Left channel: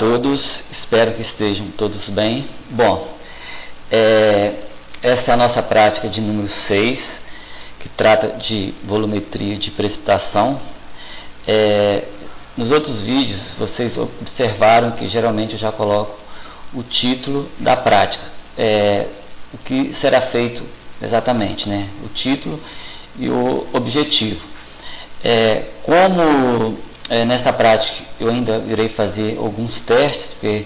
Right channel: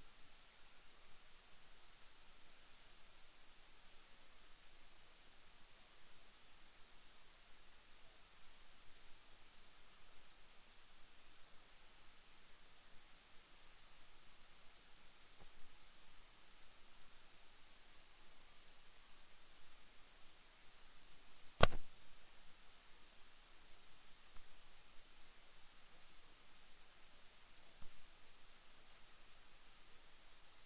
todos, espero que estejam todos bem. Bom, essa é a nossa prática de número 6, que trata de volumetria de precipitação. Nos outros vídeos, vocês observaram que geralmente eu já coloco o título da prática, o que será feito exatamente, né? O título e o objetivo. Nessa prática eu ainda irei fazer alguns testes, porque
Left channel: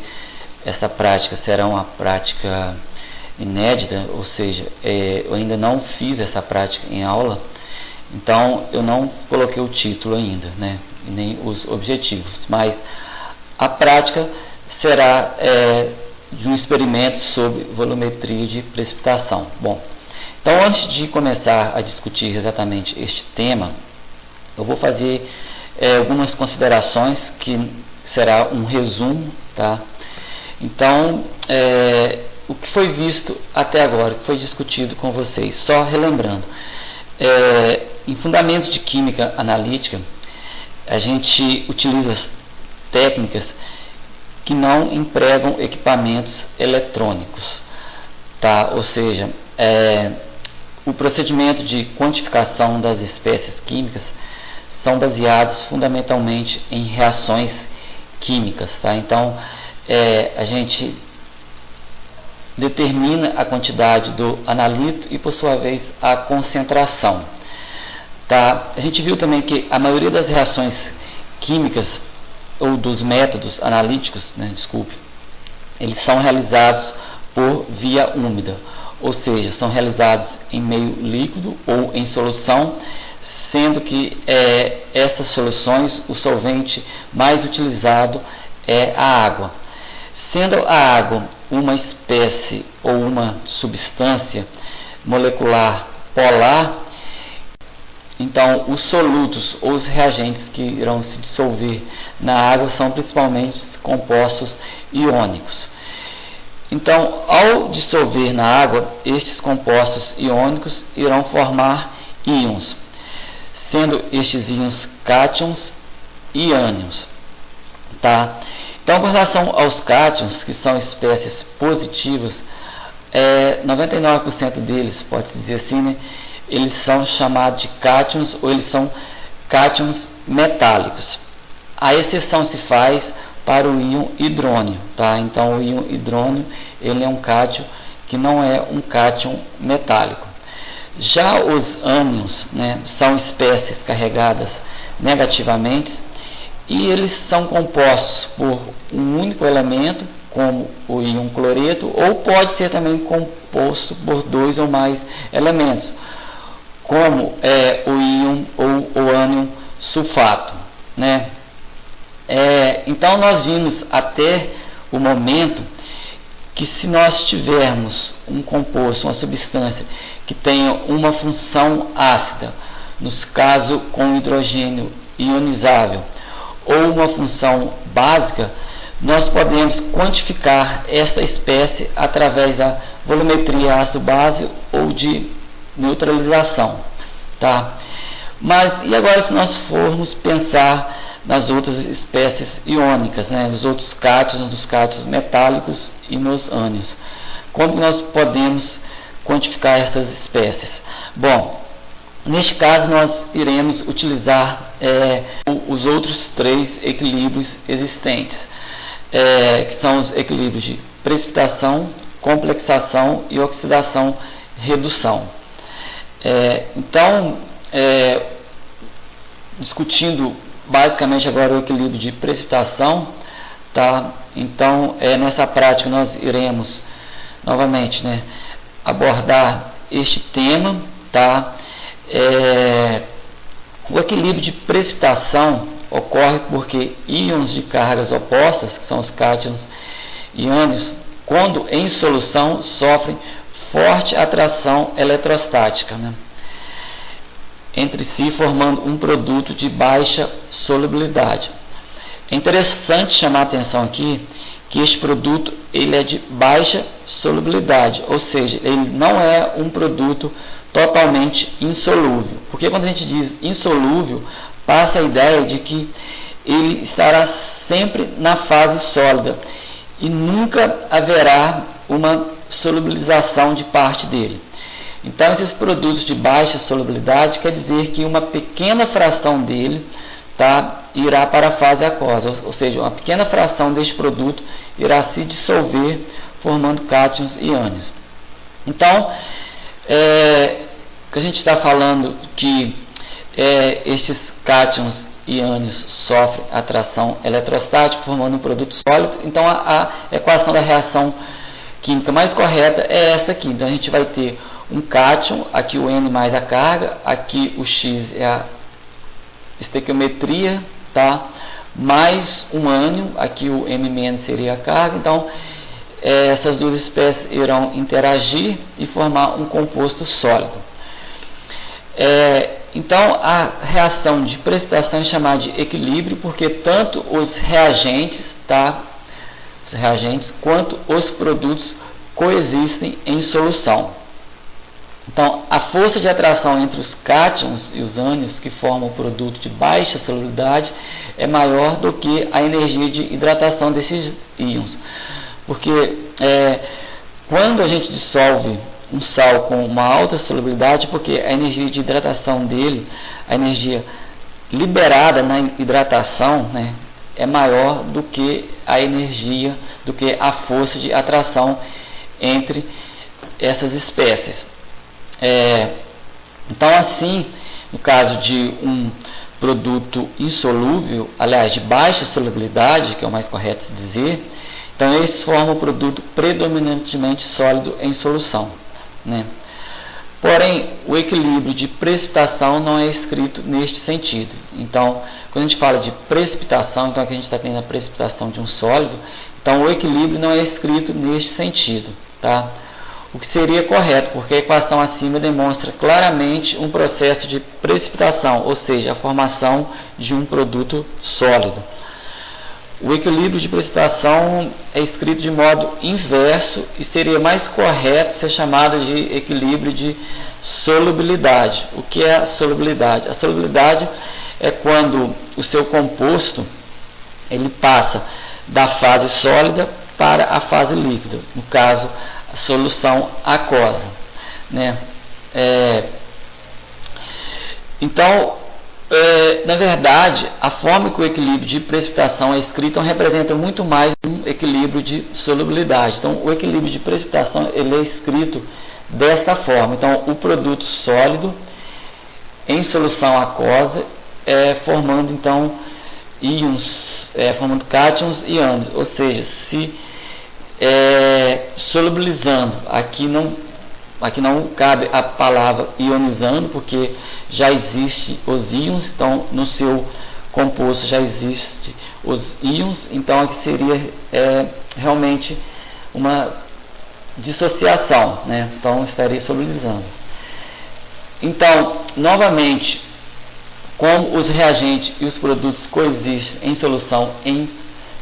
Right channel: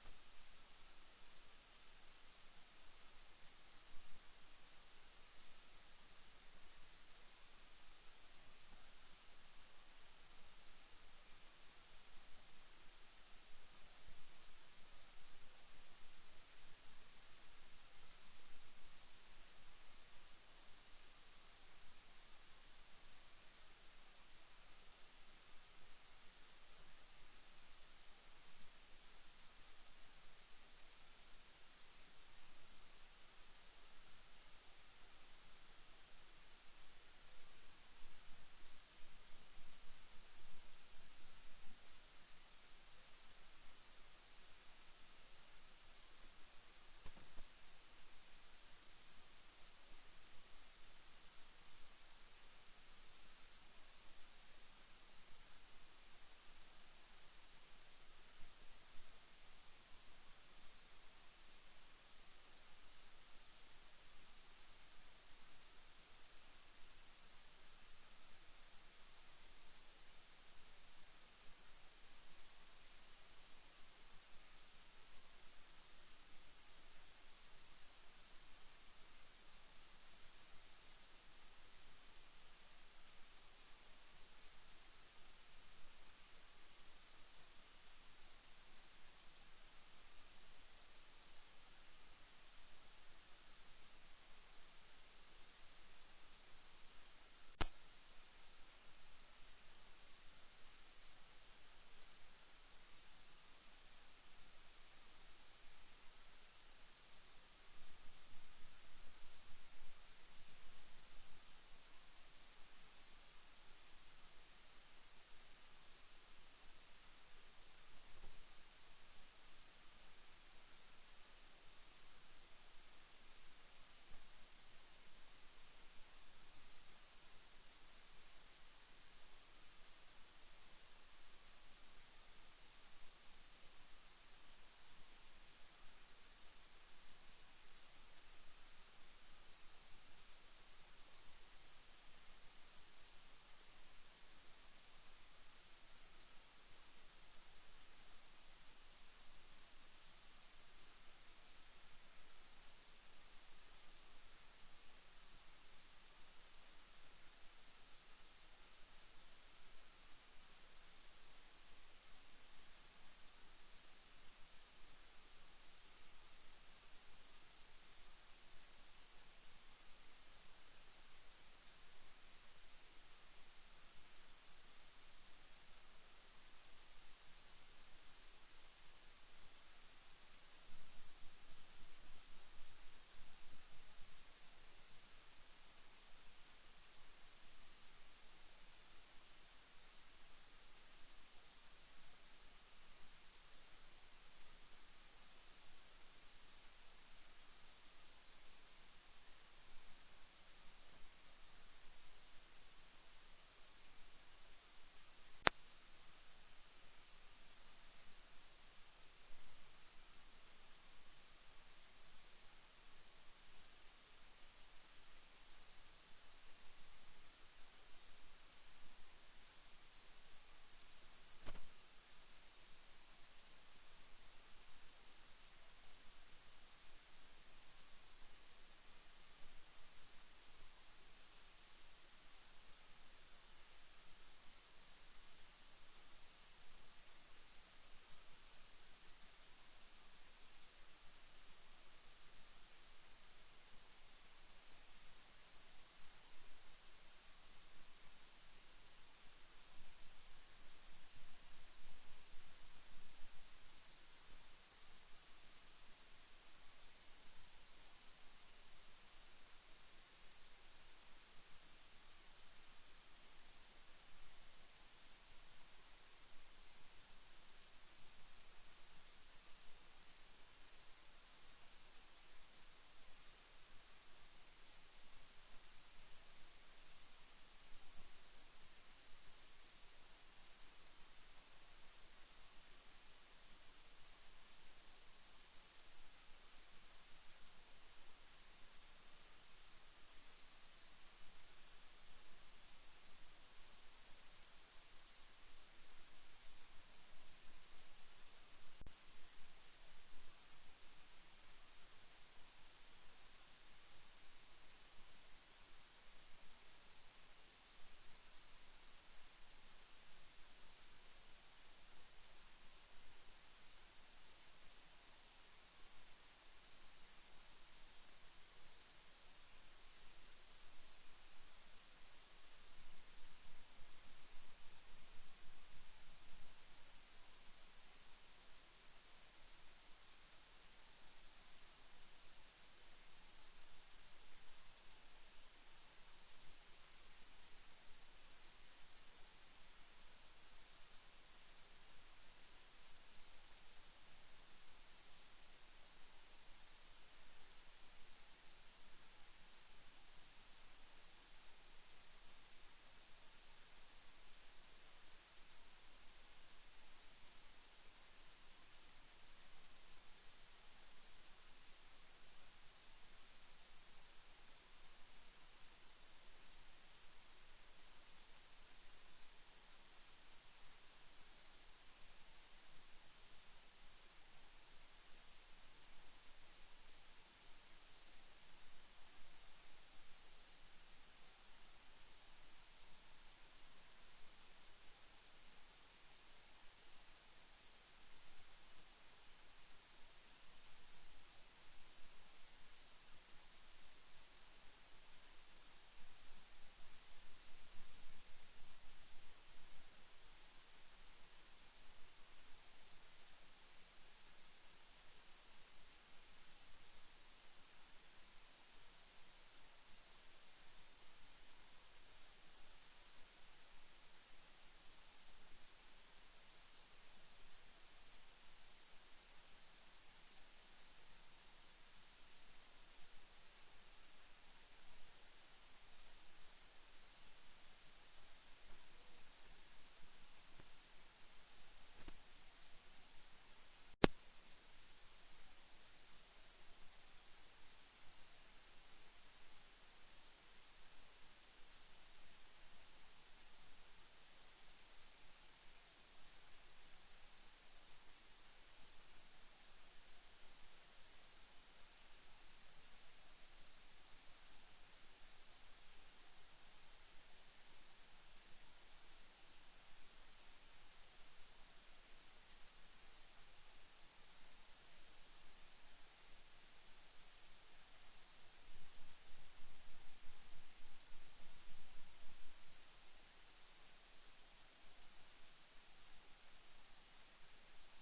essa prática será uma prática inédita, ou seja, eu ainda não fiz essa prática em aula, então eu não coloquei o título ainda, né, nem os objetivos, mas a prática será de um experimento sobre volumetria de precipitação. Bom, então antes de começar a discutir exatamente este tema, eu vou fazer algumas considerações que será um resumo, tá? Então, o que foi visto até agora, o que foi discutido com vocês, só relembrando, em fundamentos de química analítica, a gente utiliza técnicas que não empregam equipamentos eletrônicos, tá? Ou seja, o procedimento de quantificação das espécies químicas são baseados fundamentalmente em reações químicas, tá? Então, a gente determina a quantidade do analito e, por sua vez, a concentração, tá? A gente viu também que a maioria das reações químicas ou dos métodos analíticos, né, eles são realizados por via úmida, ou seja, são realizados em meio líquido ou em solução, sendo que essas soluções, o solvente mais utilizado é a água. Sendo a água uma espécie ou uma substância molecular polar, então os solutos ou os reagentes que irão se dissolver na água são principalmente compostos iônicos. Então, ao dissolver na água, estes compostos iônicos irão formar íons, sendo estes íons cátions e ânions, tá? Então, com relação aos cátions, que são espécies positivas, 99% deles, pode-se dizer assim, né, eles são chamados de cátions ou eles são cátions metálicos. A exceção se faz para o íon hidrônio, tá? Então, o íon hidrônio, ele é um cátion que não é um cátion metálico. Já os ânions, né, são espécies carregadas negativamente e eles são compostos por um único elemento, como o íon cloreto, ou pode ser também composto por dois ou mais elementos, como o íon ou o ânion sulfato, né? Então nós vimos até o momento que se nós tivermos um composto, uma substância que tenha uma função ácida, nos casos com hidrogênio ionizável, ou uma função básica, nós podemos quantificar esta espécie através da volumetria ácido-base ou de neutralização, tá? Mas e agora se nós formos pensar nas outras espécies iônicas, né, nos outros cátions, nos cátions metálicos e nos ânions? Como nós podemos quantificar essas espécies? Bom, neste caso nós iremos utilizar os outros três equilíbrios existentes, que são os equilíbrios de precipitação, complexação e oxidação-redução. Então, discutindo basicamente agora o equilíbrio de precipitação, tá? Então, nessa prática nós iremos novamente, né, abordar este tema, tá? O equilíbrio de precipitação ocorre porque íons de cargas opostas, que são os cátions e ânions, quando em solução sofrem forte atração eletrostática, né, entre si, formando um produto de baixa solubilidade. É interessante chamar a atenção aqui que este produto ele é de baixa solubilidade, ou seja, ele não é um produto totalmente insolúvel, porque quando a gente diz insolúvel, passa a ideia de que ele estará sempre na fase sólida e nunca haverá uma solubilização de parte dele. Então, esses produtos de baixa solubilidade quer dizer que uma pequena fração dele irá para a fase aquosa, ou seja, uma pequena fração deste produto irá se dissolver formando cátions e ânions. Então, a gente está falando que estes cátions e ânions sofrem atração eletrostática formando um produto sólido. Então, a equação da reação química mais correta é esta aqui. Então, a gente vai ter um cátion, aqui o N mais a carga, aqui o X é a estequiometria, mais um ânion, aqui o M- seria a carga. Então, essas duas espécies irão interagir e formar um composto sólido. Então, a reação de precipitação é chamada de equilíbrio, porque tanto os reagentes quanto os produtos coexistem em solução. Então, a força de atração entre os cátions e os ânions, que formam o produto de baixa solubilidade, é maior do que a energia de hidratação desses íons. Porque quando a gente dissolve um sal com uma alta solubilidade, porque a energia de hidratação dele, a energia liberada na hidratação, é maior do que a energia, do que a força de atração entre essas espécies. Então, assim, no caso de um produto insolúvel, aliás, de baixa solubilidade, que é o mais correto de dizer, então eles formam um produto predominantemente sólido em solução. Porém, o equilíbrio de precipitação não é escrito neste sentido. Então, quando a gente fala de precipitação, então aqui a gente está tendo a precipitação de um sólido, então o equilíbrio não é escrito neste sentido, o que seria correto, porque a equação acima demonstra claramente um processo de precipitação, ou seja, a formação de um produto sólido. O equilíbrio de precipitação é escrito de modo inverso e seria mais correto ser chamado de equilíbrio de solubilidade. O que é a solubilidade? A solubilidade é quando o seu composto ele passa da fase sólida para a fase líquida, no caso, a solução aquosa. Então, na verdade, a forma que o equilíbrio de precipitação é escrito representa muito mais um equilíbrio de solubilidade. Então, o equilíbrio de precipitação ele é escrito desta forma. Então, o produto sólido em solução aquosa, formando então íons, formando cátions e ânions, ou seja, se solubilizando. Aqui não cabe a palavra ionizando, porque já existe os íons, então no seu composto já existe os íons, então aqui seria realmente uma dissociação, então estaria solubilizando. Então, novamente, como os reagentes e os produtos coexistem em solução em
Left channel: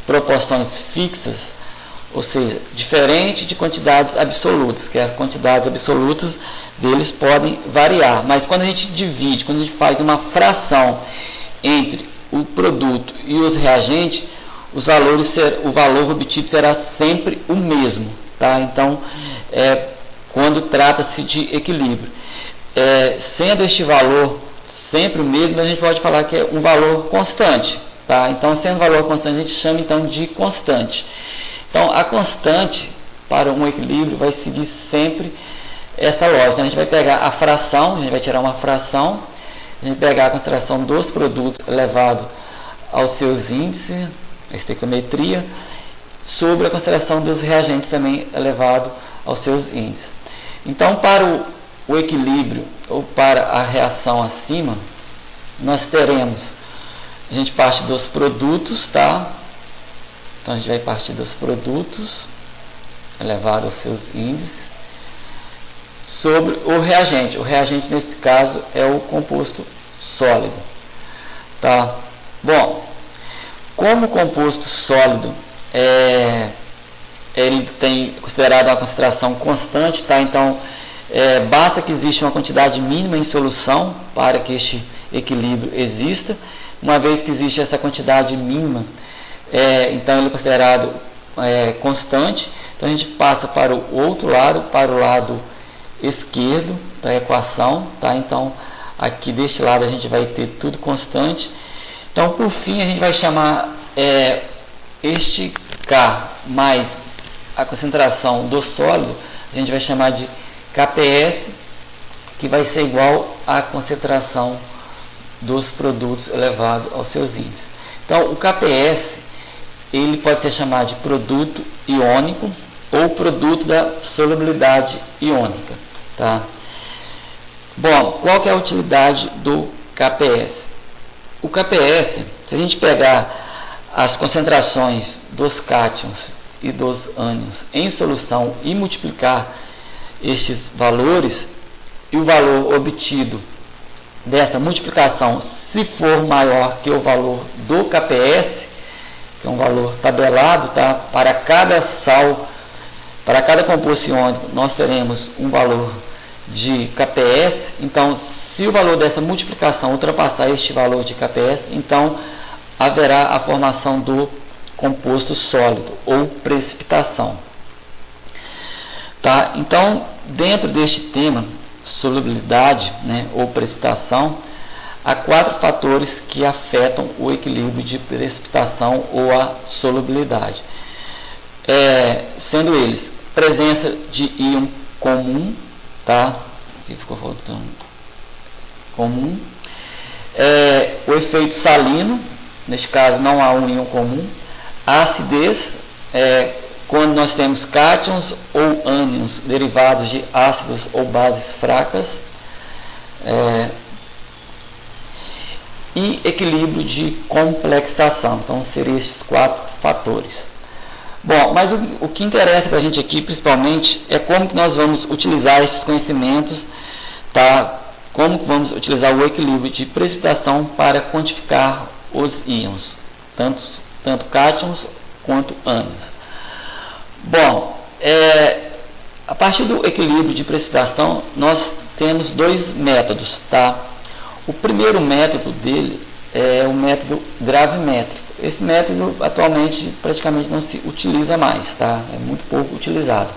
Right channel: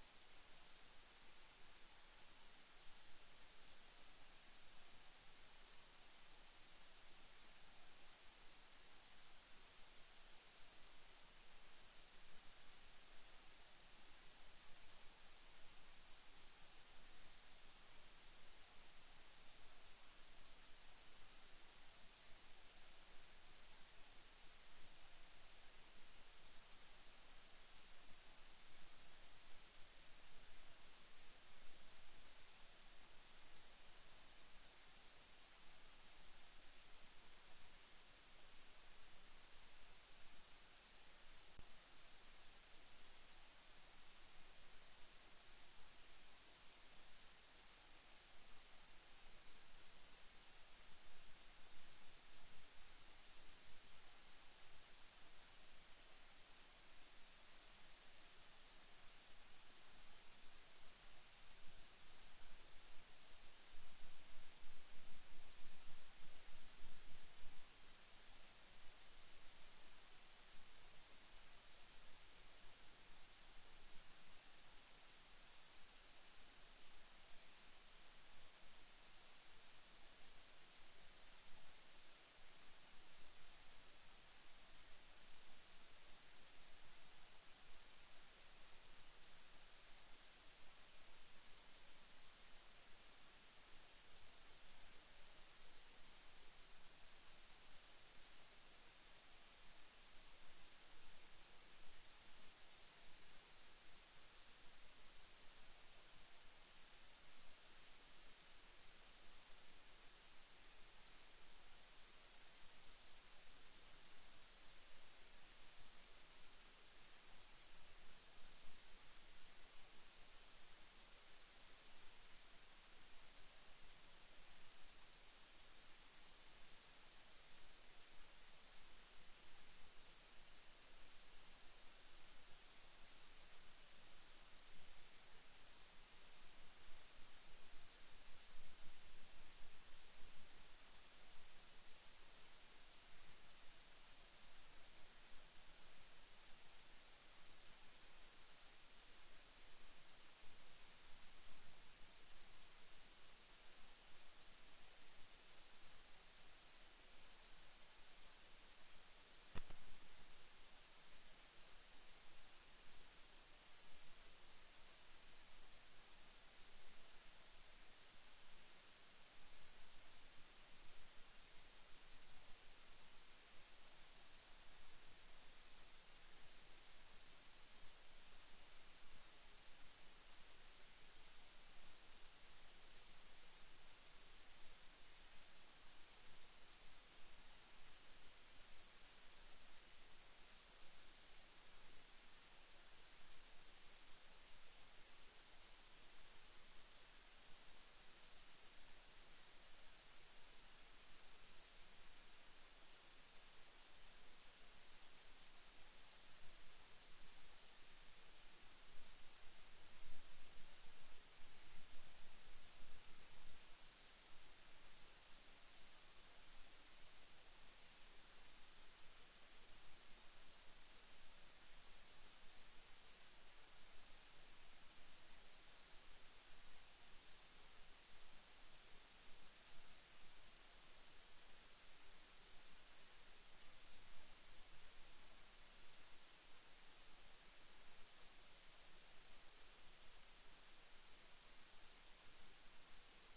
proporções fixas, ou seja, diferente de quantidades absolutas, que as quantidades absolutas deles podem variar, mas quando a gente divide, quando a gente faz uma fração entre o produto e os reagentes, o valor obtido será sempre o mesmo, Então, quando trata-se de equilíbrio, sendo este valor sempre o mesmo, a gente pode falar que é um valor constante, Então, sendo um valor constante, a gente chama então de constante. Então, a constante para um equilíbrio vai seguir sempre essa lógica. Então, a gente vai pegar a fração, a gente vai tirar uma fração, a gente vai pegar a concentração dos produtos elevado aos seus índices, a estequiometria, sobre a concentração dos reagentes também elevado aos seus índices. Então, para o equilíbrio ou para a reação acima, nós teremos, a gente parte dos produtos, Então, a gente vai partir dos produtos, elevado aos seus índices, sobre o reagente. O reagente, nesse caso, é o composto sólido. Bom, como o composto sólido ele tem considerado uma concentração constante, Então, basta que exista uma quantidade mínima em solução para que este equilíbrio exista, uma vez que existe essa quantidade mínima, então ele é considerado constante. Então a gente passa para o outro lado, para o lado esquerdo da equação, tá? Então aqui deste lado a gente vai ter tudo constante. Então por fim a gente vai chamar este K mais a concentração do sólido, a gente vai chamar de KPS, que vai ser igual à concentração dos produtos elevado aos seus índices. Então o KPS ele pode ser chamado de produto iônico ou produto da solubilidade iônica, tá? Bom, qual que é a utilidade do KPS? O KPS, se a gente pegar as concentrações dos cátions e dos ânions em solução e multiplicar estes valores, e o valor obtido dessa multiplicação, se for maior que o valor do KPS, que é um valor tabelado, tá? Para cada sal, para cada composto iônico, nós teremos um valor de KPS. Então, se o valor dessa multiplicação ultrapassar este valor de KPS, então haverá a formação do composto sólido ou precipitação. Tá? Então, dentro deste tema, solubilidade, né, ou precipitação, há 4 fatores que afetam o equilíbrio de precipitação ou a solubilidade. Sendo eles presença de íon comum, tá? Aqui ficou faltando comum, o efeito salino, neste caso não há um íon comum, a acidez, quando nós temos cátions ou ânions derivados de ácidos ou bases fracas, e equilíbrio de complexação. Então seriam esses 4 fatores. Bom, mas o que interessa para a gente aqui principalmente é como que nós vamos utilizar esses conhecimentos, tá? Como que vamos utilizar o equilíbrio de precipitação para quantificar os íons, tanto cátions quanto ânions. Bom, a partir do equilíbrio de precipitação, nós temos 2 métodos, tá? O primeiro método dele é o método gravimétrico. Esse método atualmente praticamente não se utiliza mais, tá? É muito pouco utilizado.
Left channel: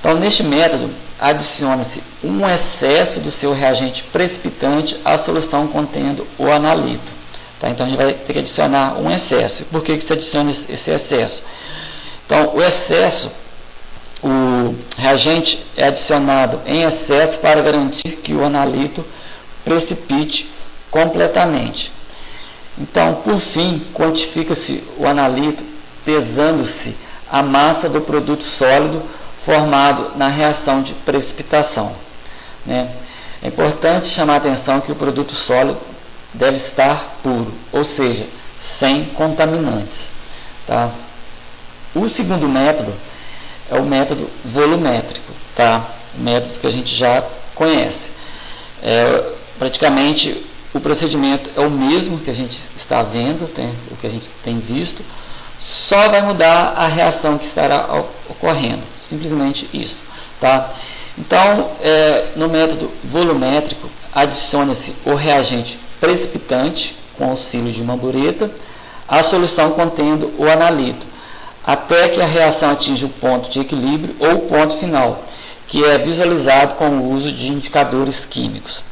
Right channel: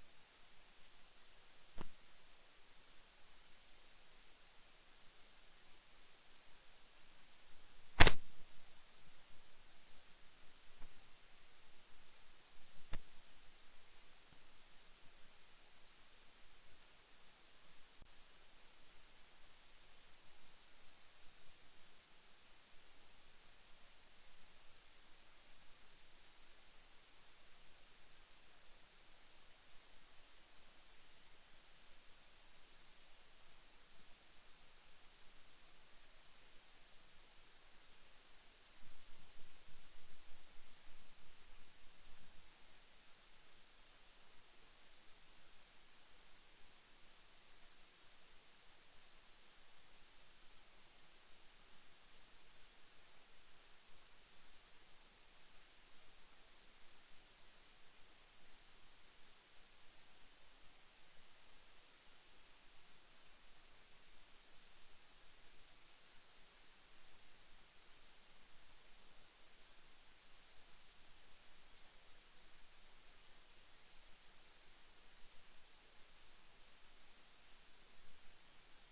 Então, neste método, adiciona-se um excesso do seu reagente precipitante à solução contendo o analito. Tá? Então, a gente vai ter que adicionar um excesso. Por que se adiciona esse excesso? Então, o reagente é adicionado em excesso para garantir que o analito precipite completamente. Então, por fim, quantifica-se o analito pesando-se a massa do produto sólido formado na reação de precipitação, né? É importante chamar a atenção que o produto sólido deve estar puro, ou seja, sem contaminantes, tá? O segundo método é o método volumétrico, tá? O método que a gente já conhece. Praticamente o procedimento é o mesmo que a gente está vendo, o que a gente tem visto, só vai mudar a reação que estará ocorrendo, simplesmente isso, tá? Então, no método volumétrico, adiciona-se o reagente precipitante com auxílio de uma bureta à solução contendo o analito, até que a reação atinja o ponto de equilíbrio ou o ponto final, que é visualizado com o uso de indicadores químicos.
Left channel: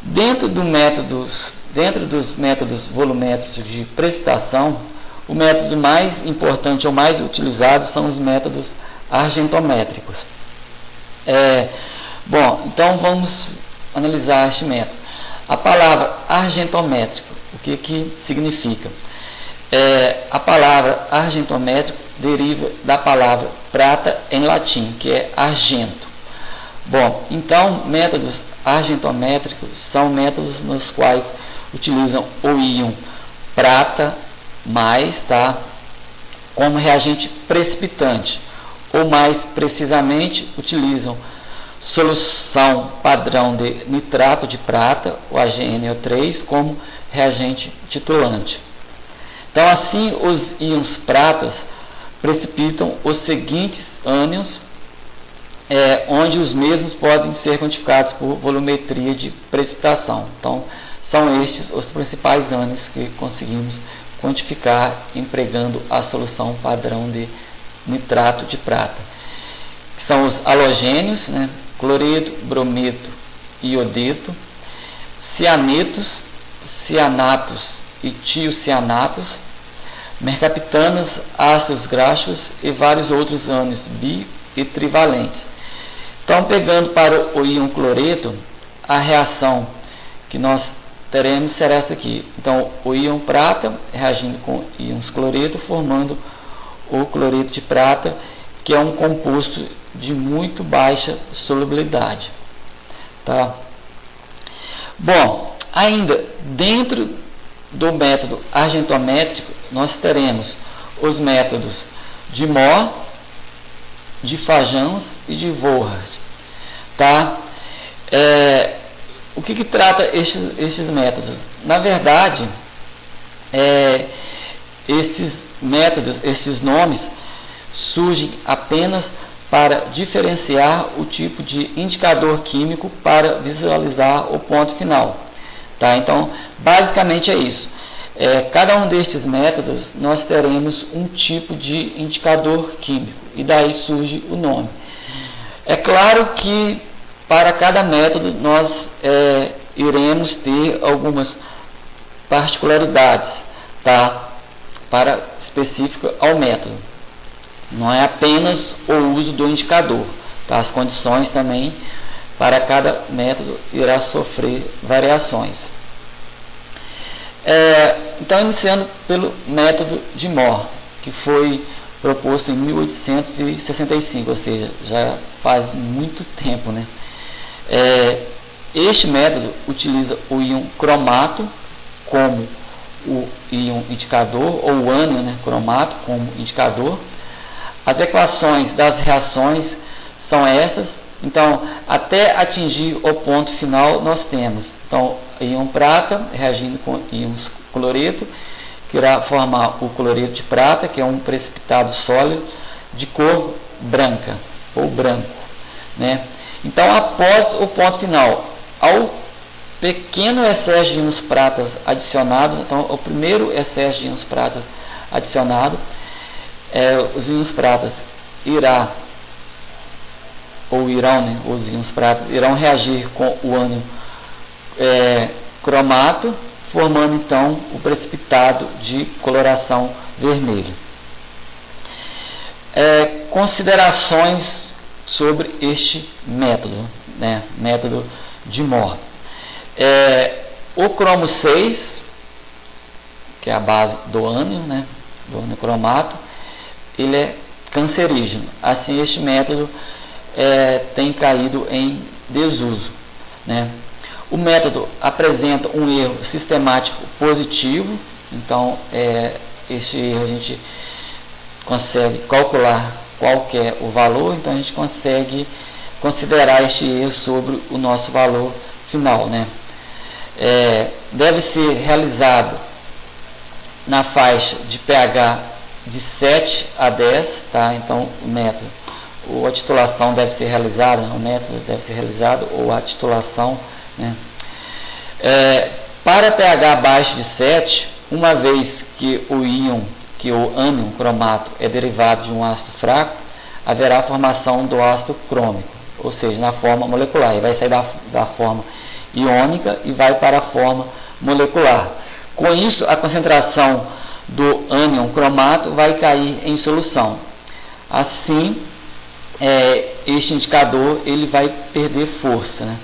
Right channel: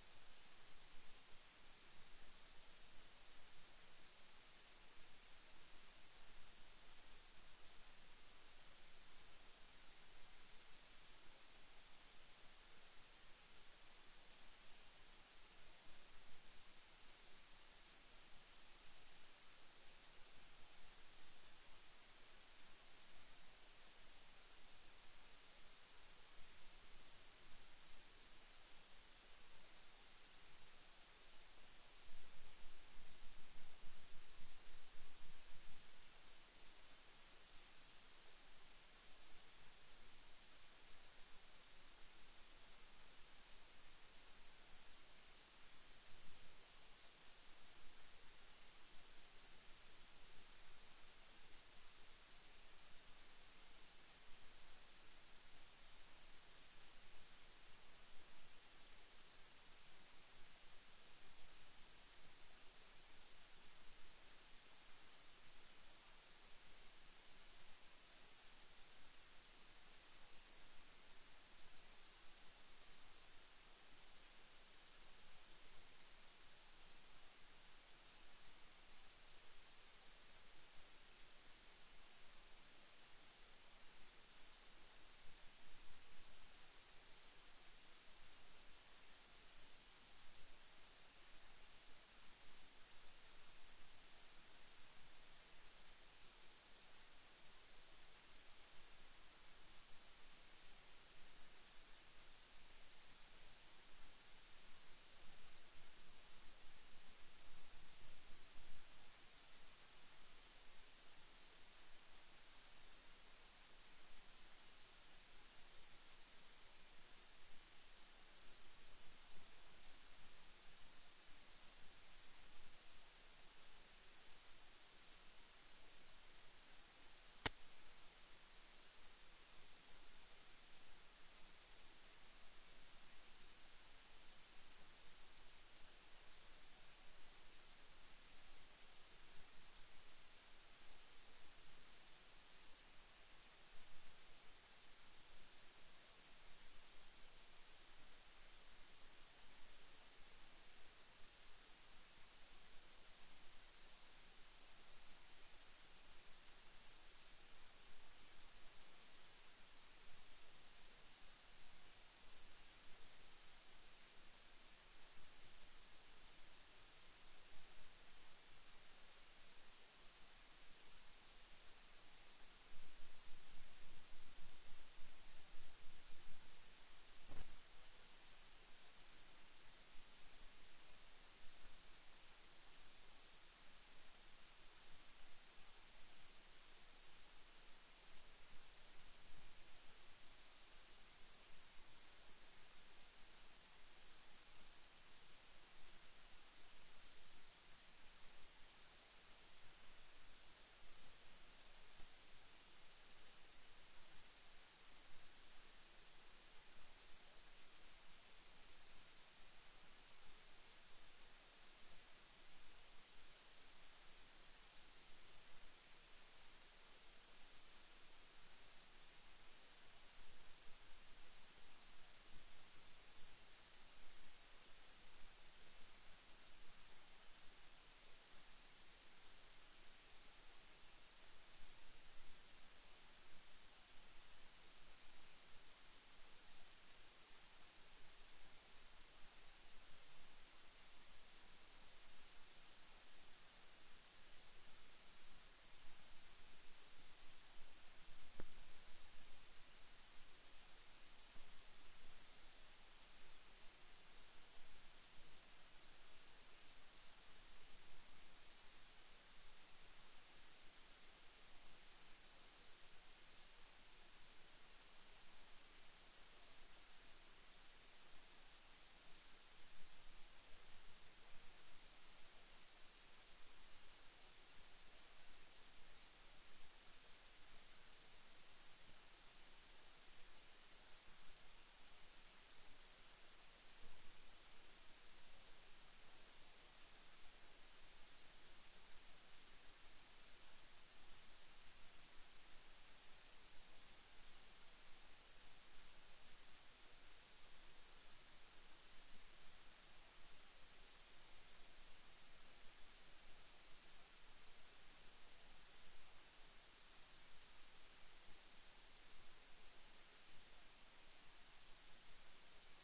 Dentro dos métodos volumétricos de precipitação, o método mais importante ou mais utilizado são os métodos argentométricos. Bom, então vamos analisar este método. A palavra argentométrico, o que significa? A palavra argentométrico deriva da palavra prata em latim, que é argento. Bom, então métodos argentométricos são métodos nos quais utilizam o íon prata mais, tá, como reagente precipitante, ou mais precisamente utilizam solução padrão de nitrato de prata, o AgNO3, como reagente titulante. Então, assim, os íons pratas precipitam os seguintes ânions, onde os mesmos podem ser quantificados por volumetria de precipitação. Então, São estes os principais ânions que conseguimos quantificar empregando a solução padrão de nitrato de prata, que são os halogênios, né, cloreto, brometo e iodeto, cianetos, cianatos e tiocianatos, mercaptanos, ácidos graxos e vários outros ânions bi e trivalentes. Então, pegando para o íon cloreto, a reação que nós teremos será essa aqui. Então, o íon prata reagindo com íons cloreto, formando o cloreto de prata, que é um composto de muito baixa solubilidade. Tá? Bom, ainda dentro do método argentométrico, nós teremos os métodos de Mohr, de Fajans e de Volhard. Tá? O que trata estes métodos? Na verdade, esses métodos, esses nomes, surgem apenas para diferenciar o tipo de indicador químico para visualizar o ponto final. Tá? Então, basicamente é isso. Cada um destes métodos, nós teremos um tipo de indicador químico, e daí surge o nome. É claro que para cada método nós iremos ter algumas particularidades, tá? Para específica ao método. Não é apenas o uso do indicador, tá? As condições também para cada método irá sofrer variações. Então, iniciando pelo método de Mohr, que foi proposto em 1865, ou seja, já faz muito tempo, né? Este método utiliza o íon cromato como o íon indicador, ou o ânion, né, cromato como indicador. As equações das reações são essas. Então, até atingir o ponto final, nós temos então, íon prata reagindo com íons cloreto, que irá formar o cloreto de prata, que é um precipitado sólido de cor branca ou branco, né? Então, após o ponto final, ao pequeno excesso de íons pratas adicionados, então, o primeiro excesso de íons pratas adicionado, os íons pratas irão, os íons pratas irão reagir com o ânion cromato, formando então o precipitado de coloração vermelha. Considerações sobre este método, né, método de Mohr. O cromo 6, que é a base do ânion, né, do ânion cromato, ele é cancerígeno. Assim, este método tem caído em desuso, né? O método apresenta um erro sistemático positivo, então este erro a gente consegue calcular qual que é o valor, então a gente consegue considerar este erro sobre o nosso valor final, né? Deve ser realizado na faixa de pH de 7 a 10, tá? Então o método, ou a titulação deve ser realizada, o método deve ser realizado, ou a titulação, né? Para pH abaixo de 7, uma vez que o ânion cromato é derivado de um ácido fraco, haverá formação do ácido crômico, ou seja, na forma molecular. Ele vai sair da forma iônica e vai para a forma molecular. Com isso, a concentração do ânion cromato vai cair em solução. Assim, este indicador ele vai perder força, né?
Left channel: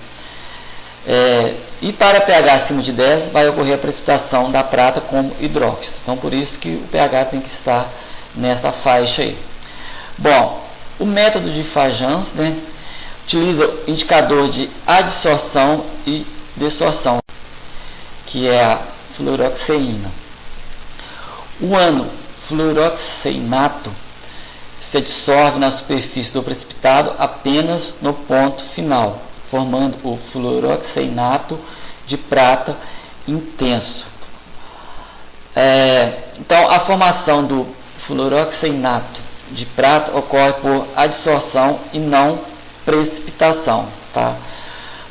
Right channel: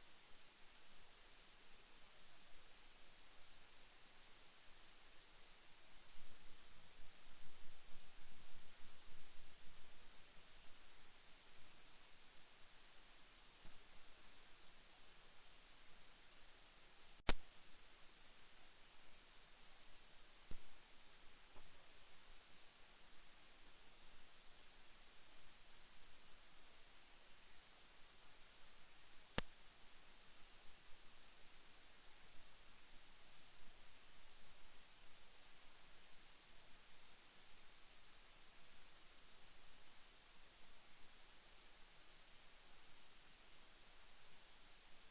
E para pH acima de 10 vai ocorrer a precipitação da prata como hidróxido. Então, por isso que o pH tem que estar nessa faixa aí. Bom, o método de Fajans, né, utiliza o indicador de adsorção e desorção, que é a fluoroxeína. O ânion fluoroxeinato se dissolve na superfície do precipitado apenas no ponto final, formando o fluoroxeinato de prata intenso. Então, a formação do fluoroxeinato de prata ocorre por adsorção e não precipitação, tá?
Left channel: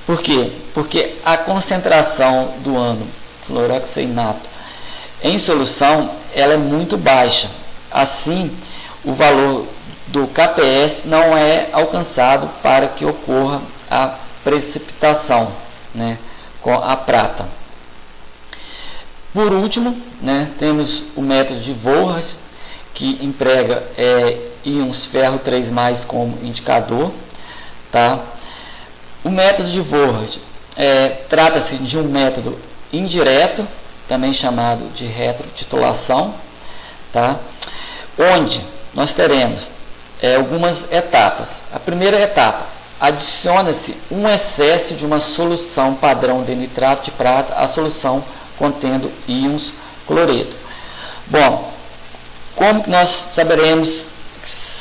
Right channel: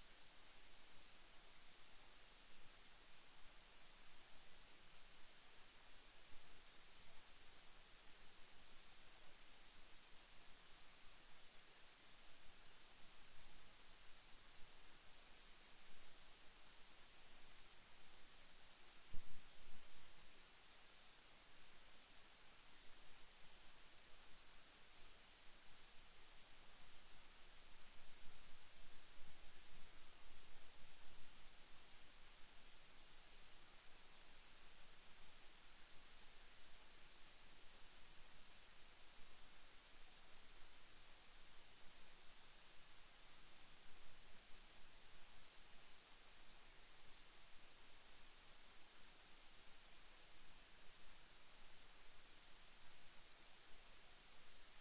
Por quê? Porque a concentração do ânion fluoroxeinato em solução ela é muito baixa. Assim, o valor do KPS não é alcançado para que ocorra a precipitação, né, com a prata. Por último, né, temos o método de Volhard, que emprega íons ferro 3+ como indicador. Tá? O método de Volhard trata-se de um método indireto, também chamado de retrotitulação, tá? Onde nós teremos algumas etapas. A primeira etapa, adiciona-se um excesso de uma solução padrão de nitrato de prata à solução contendo íons cloreto. Bom, como que nós saberemos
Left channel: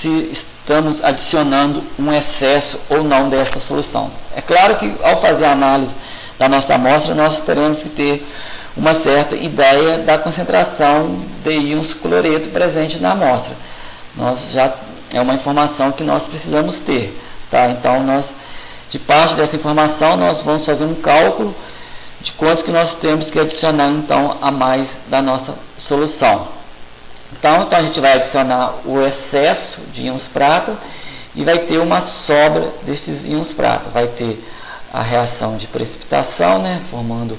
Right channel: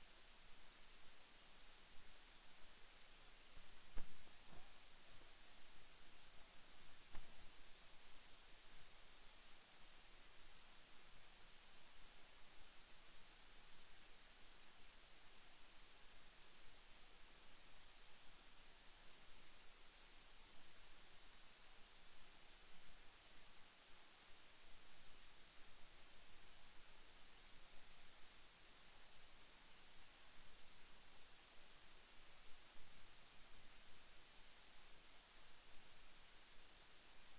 se estamos adicionando um excesso ou não desta solução? É claro que ao fazer a análise da nossa amostra, nós teremos que ter uma certa ideia da concentração de íons cloreto presente na amostra. É uma informação que nós precisamos ter. Tá? Então, de parte dessa informação, nós vamos fazer um cálculo de quantos que nós temos que adicionar então a mais da nossa solução. Então a gente vai adicionar o excesso de íons prata e vai ter uma sobra desses íons prata. Vai ter a reação de precipitação, né, formando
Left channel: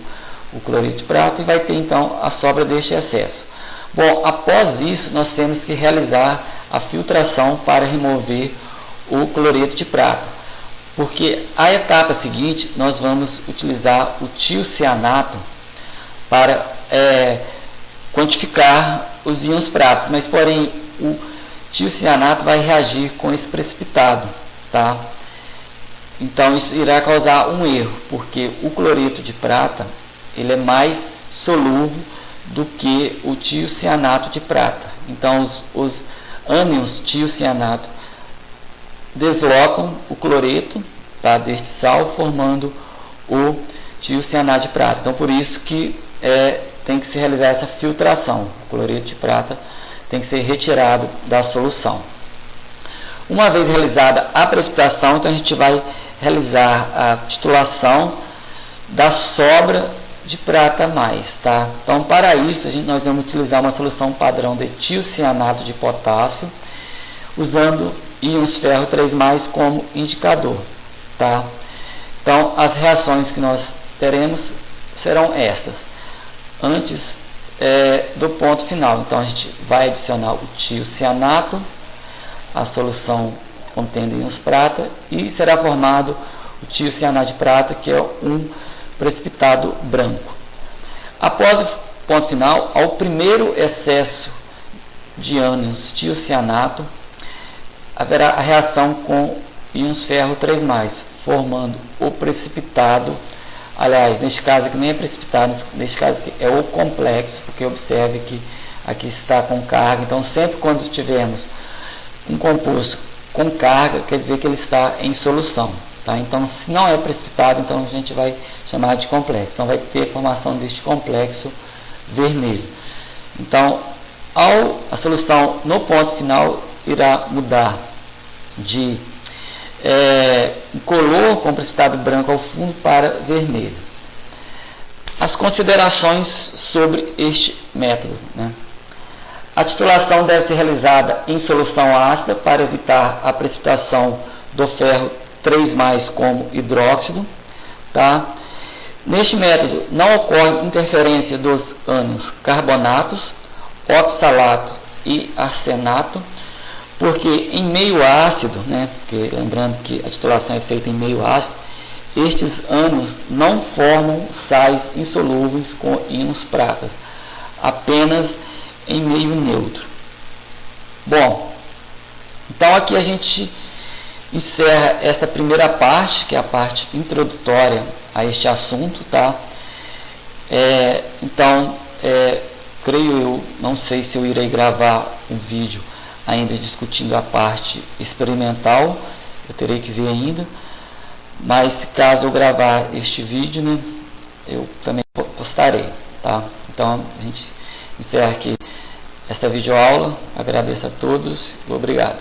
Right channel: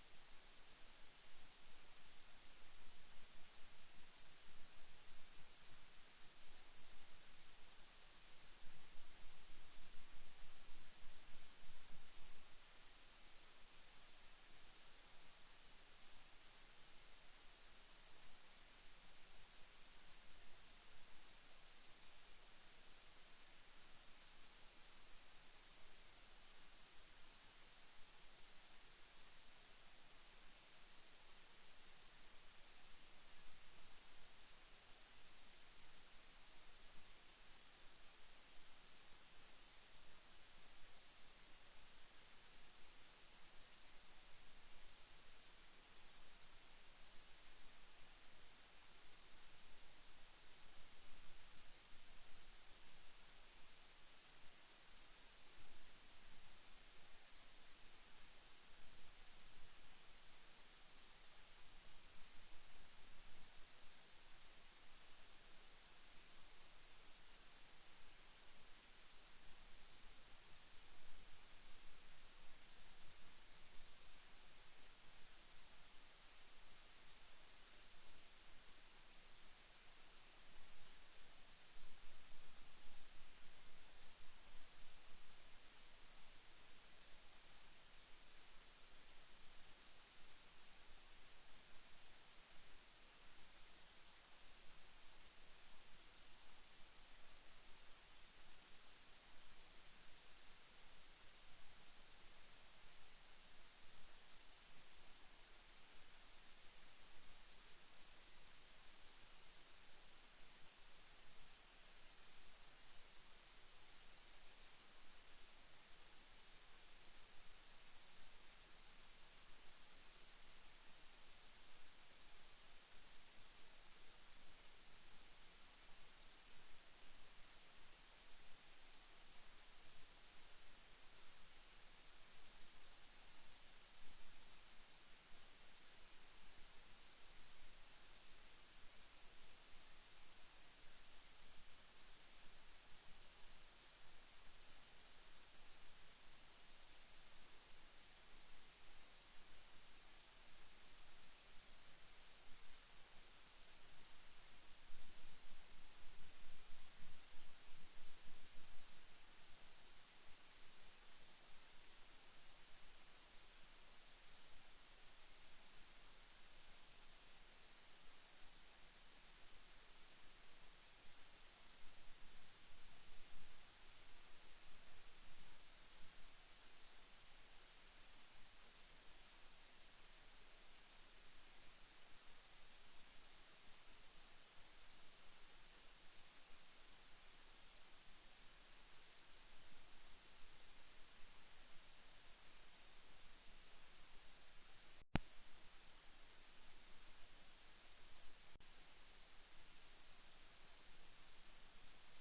o cloreto de prata, e vai ter então a sobra deste excesso. Bom, após isso nós temos que realizar a filtração para remover o cloreto de prata. Porque a etapa seguinte nós vamos utilizar o tiocianato para quantificar os íons pratas, mas porém o tiocianato vai reagir com esse precipitado, tá? Então isso irá causar um erro, porque o cloreto de prata ele é mais solúvel do que o tiocianato de prata. Então os ânions tiocianato deslocam o cloreto, tá, deste sal, formando o tiocianato de prata. Então por isso que tem que se realizar essa filtração. O cloreto de prata tem que ser retirado da solução. Uma vez realizada a precipitação, então a gente vai realizar a titulação da sobra de prata mais. Tá? Então para isso nós vamos utilizar uma solução padrão de tiocianato de potássio, usando íons ferro 3+ como indicador. Tá? Então as reações que nós teremos serão estas. Antes do ponto final, então a gente vai adicionar o tiocianato, a solução contendo íons prata, e será formado o tiocianato de prata, que é um precipitado branco. Após o ponto final, ao primeiro excesso de ânions tiocianato, haverá a reação com íons ferro 3+, formando o precipitado. Aliás, neste caso aqui nem é precipitado, neste caso aqui é o complexo, porque observe que aqui está com carga. Então sempre quando tivermos um composto com carga, quer dizer que ele está em solução. Tá? Então se não é precipitado, então a gente vai chamar de complexo. Então vai ter a formação deste complexo vermelho. Então a solução no ponto final irá mudar de incolor com precipitado branco ao fundo para vermelho. As considerações sobre este método, né? A titulação deve ser realizada em solução ácida para evitar a precipitação do ferro 3+ como hidróxido. Tá? Neste método não ocorre interferência dos ânions carbonatos, oxalato e arsenato, porque em meio ácido, né, porque lembrando que a titulação é feita em meio ácido, estes ânions não formam sais insolúveis com íons pratas, apenas em meio neutro. Bom, então aqui a gente encerra esta primeira parte, que é a parte introdutória a este assunto, tá? Creio eu, não sei se eu irei gravar um vídeo ainda discutindo a parte experimental, eu terei que ver ainda, mas caso eu gravar este vídeo, né, eu também postarei, tá? Então a gente encerra aqui esta videoaula, agradeço a todos e obrigado.